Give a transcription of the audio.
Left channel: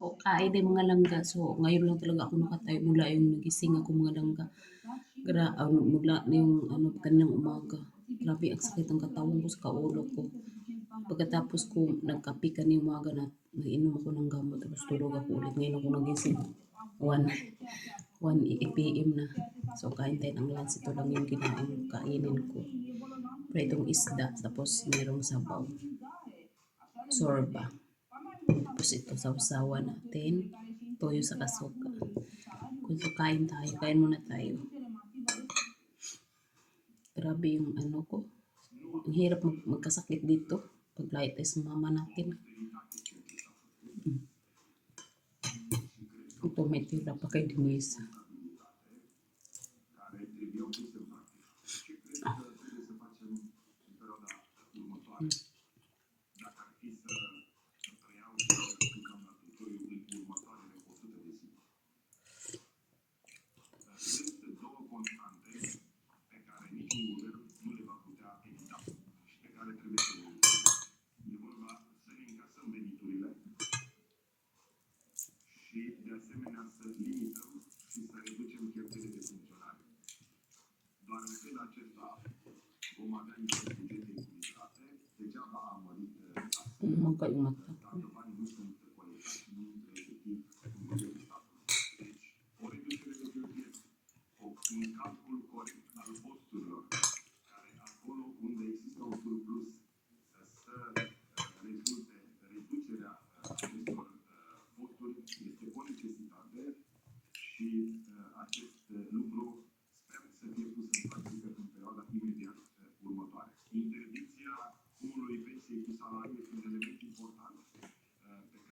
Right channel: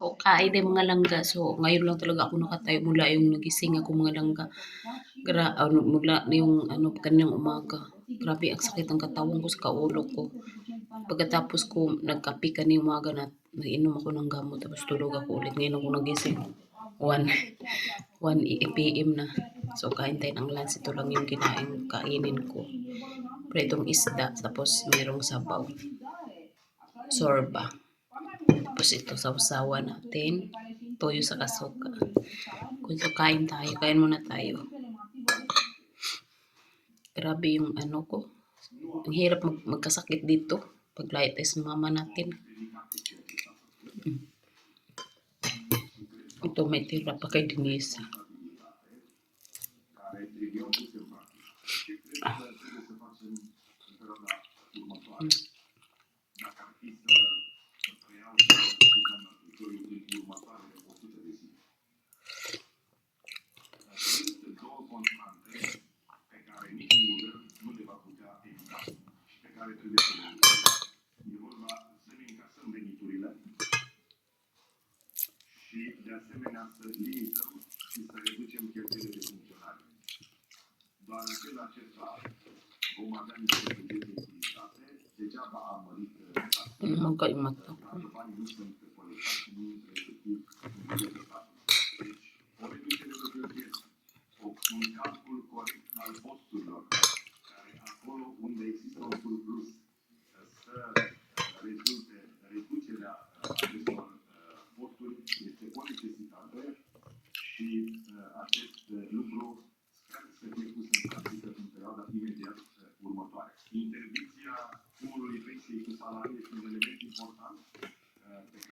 O kain din mga langga. So, ngayon lang talaga ako nakatayo mula yung nagising ako mga langga. Mula na yung kaninang umaga. Grabe ang sakit ng katawan ko sa kaulo ko. Pagkatapos ko nagkape kaninang umaga na nainom ako ng gamot tapos tulog ako ulit. Ngayon ako nagising. 1 PM na. So, kain tayo ng lunch. Ito lang yung kainin ko. Pritong isda tapos mayroong sabaw. Sorba. Tapos ito sausawa natin. Toyo sa kasuka. Kung so, kain tayo. Kain muna tayo. Grabe yung ko. Ang hirap magkasakit dito. Pag light test mama natin. Ito may tira pa kay Denise. De asemenea să limităm și să reducem cheltuielile de funcționare. Doar în felul acesta vom avea niște bugeturi echilibrate, degeaba am mărit taxele, banii nu sunt